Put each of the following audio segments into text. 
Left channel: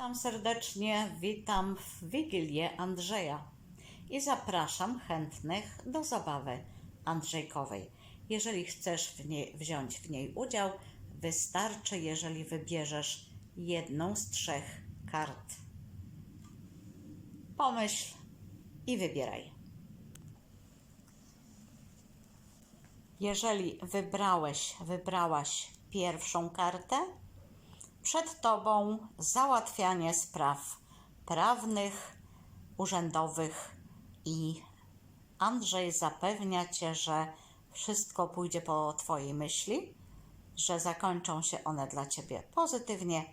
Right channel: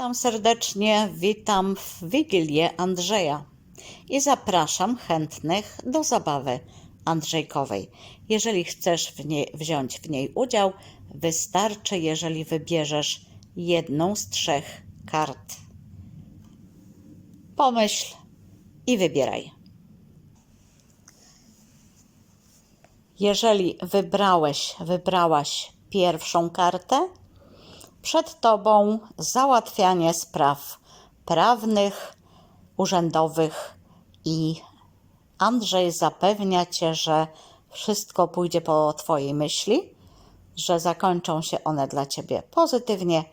Witam serdecznie, witam w Wigilię Andrzeja i zapraszam chętnych do zabawy Andrzejkowej. Jeżeli chcesz w niej, wziąć w niej udział, wystarczy, jeżeli wybierzesz jedną z trzech kart. Pomyśl i wybieraj. Jeżeli wybrałeś, wybrałaś pierwszą kartę, przed Tobą załatwianie spraw prawnych, urzędowych i Andrzej zapewnia Cię, że wszystko pójdzie po Twojej myśli, że zakończą się one dla Ciebie pozytywnie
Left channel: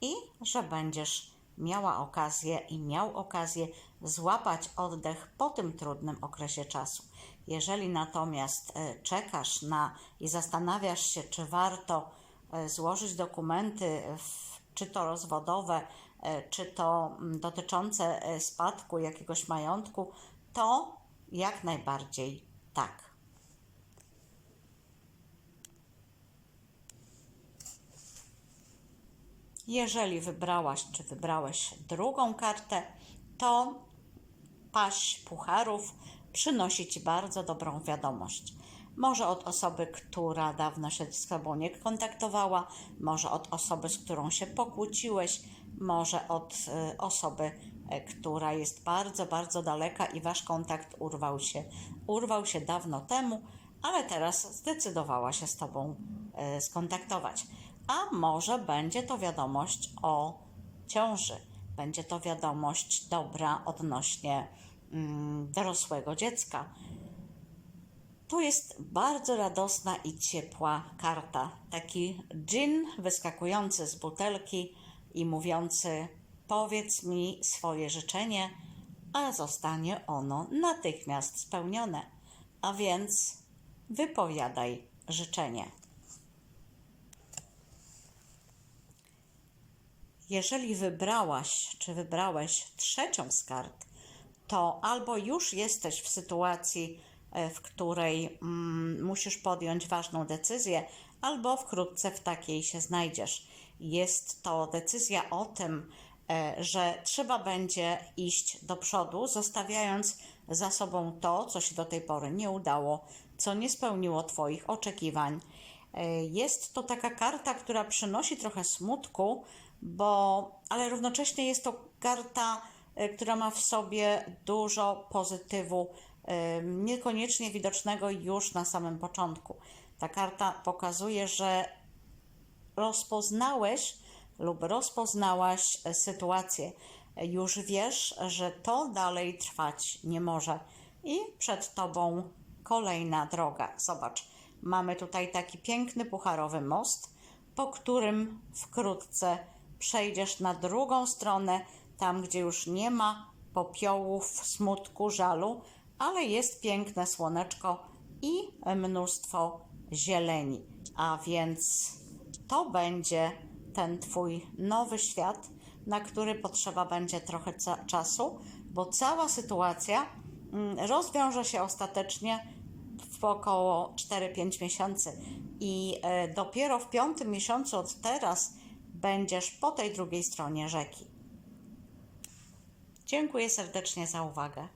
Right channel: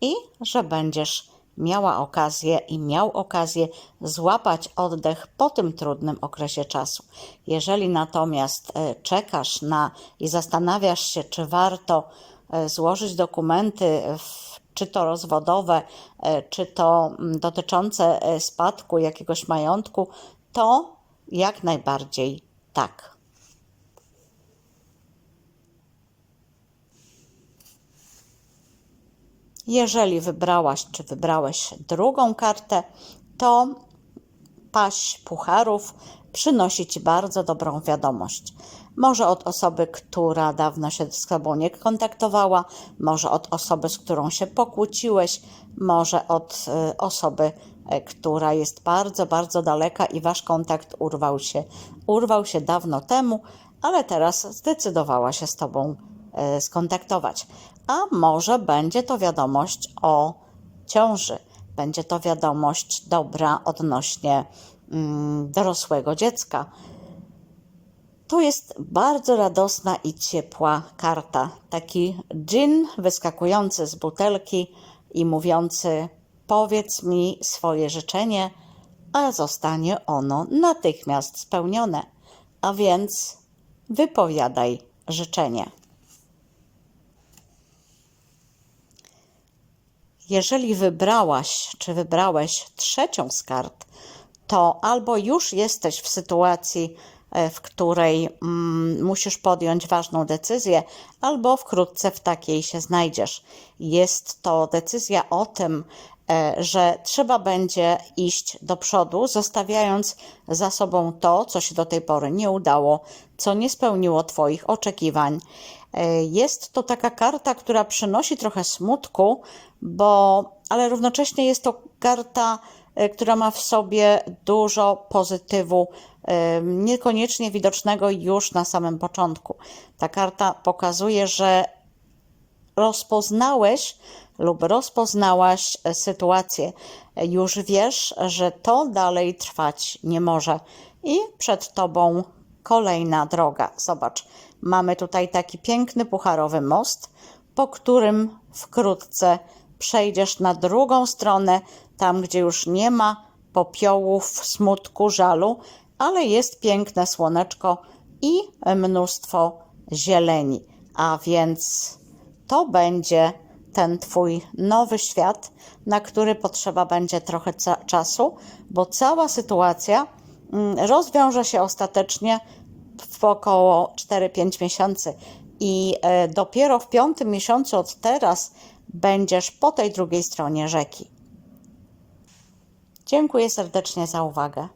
i że będziesz miała okazję i miał okazję złapać oddech po tym trudnym okresie czasu. Jeżeli natomiast e, czekasz na i zastanawiasz się, czy warto złożyć dokumenty, w, czy to rozwodowe, e, czy to mm, dotyczące e, spadku jakiegoś majątku, to jak najbardziej tak. Jeżeli wybrałaś czy wybrałeś drugą kartę, to paść pucharów przynosi Ci bardzo dobrą wiadomość. Może od osoby, która dawno się z Tobą nie kontaktowała, może od osoby, z którą się pokłóciłeś, może od y, osoby, y, która jest bardzo, bardzo daleka i Wasz kontakt urwał się, urwał się dawno temu, ale teraz zdecydowała się z Tobą y, skontaktować. A może będzie to wiadomość o ciąży, będzie to wiadomość dobra odnośnie mm, dorosłego dziecka. To jest bardzo radosna i ciepła karta. Taki dżin wyskakujący z butelki i mówiący: Powiedz mi swoje życzenie, a zostanie ono natychmiast spełnione. A więc wypowiadaj życzenie. Jeżeli wybrałaś czy wybrałeś trzecią z kart, to albo już jesteś w sytuacji, e, w której mm, musisz podjąć ważną decyzję, albo wkrótce w takiej się znajdziesz. Jest to decyzja o tym, że trzeba będzie iść do przodu, zostawiając za sobą to, co się do tej pory nie udało, co nie spełniło Twoich oczekiwań. E, Jest to taka karta, która przynosi trochę smutku, bo, ale równocześnie jest to karta, e, która ma w sobie dużo pozytywu, e, niekoniecznie widocznego już na samym początku. Ta karta pokazuje, że rozpoznałeś lub rozpoznałaś e, sytuację. E, Już wiesz, że to dalej trwać nie może i przed tobą kolejna droga. Zobacz, mamy tutaj taki piękny pucharowy most, po którym wkrótce przejdziesz na drugą stronę, tam gdzie już nie ma popiołów, smutku, żalu, ale jest piękne słoneczko i mnóstwo zieleni. A więc to będzie ten Twój nowy świat, na który potrzeba będzie trochę ca- czasu, bo cała sytuacja mm, rozwiąże się ostatecznie w około 4-5 miesięcy. I e, dopiero w piątym miesiącu od teraz będziesz po tej drugiej stronie rzeki. Dziękuję serdecznie za uwagę.